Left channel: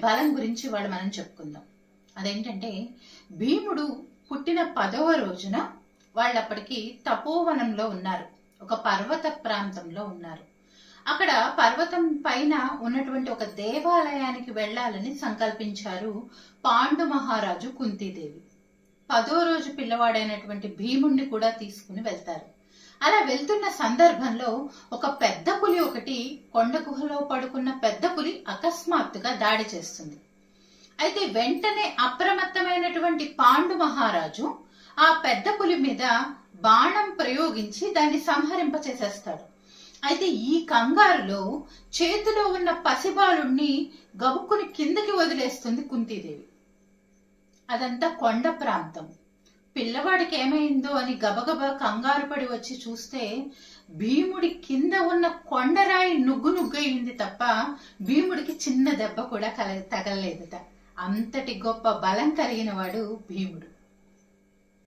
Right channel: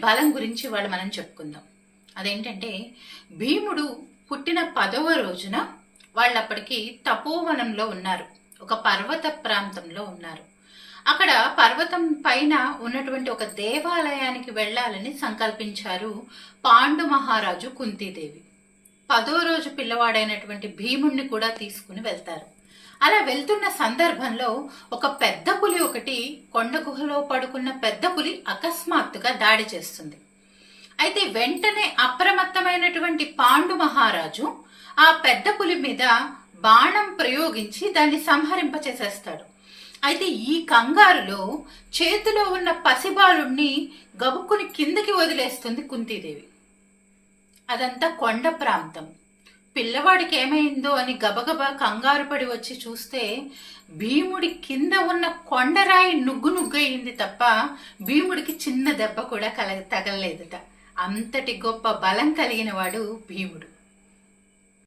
బలం గురించి వాళ్ళు మనం చెప్పుకుందాం. అదేంటంటే భీముడు పుట్టిన పదవ రోజున వాళ్ళప్పటికి తపోవనంలో ఉన్నారు. ఒక పర్వత ప్రాంతంలో ఉన్నారు. అక్కడ పర్వతం పైన ఉన్నటువంటి ఒక దేవాలయానికి వెళ్ళాలని సంకల్పించారు పాండు మహారాజు కుంతీదేవి. పదో రోజు పిల్లవాడైనటువంటి భీముణ్ణి కూడా తీసుకుని వెళ్తారు. అలా వెళ్తున్న సందర్భంలో ఒక పెద్ద పులి ఒకటి కొండ గుహలో పడుకున్న పెద్ద పులి అకస్మాత్తుగా దాడి చేస్తుంది. అయితే వెంటనే అప్రమత్తమైనటువంటి పాండు మహారాజు ఆ పెద్ద పులి మీద బాణం ప్రయోగించి దాన్ని సంహరింపచేసేస్తాడు. అయితే ఈ కంగారులో చేతిలో ఉన్న పసిబాలుణ్ణి గబుక్కుని కిందకి వదిలేస్తుంది కుంతీదేవి. అదంతా కొండ ప్రాంతం. పిల్లవాడికి ఏమైందో అని గబగబా కంగారు పడి వచ్చి చూస్తే భీముడి కింద ఉన్న కొండరాయి నుగ్గు నుగ్గయింది తప్ప భీముడికి చిన్న దెబ్బ కూడా కల తగలలేదట. అంతటి గొప్ప బలం కలిగిన వాడు భీముడు.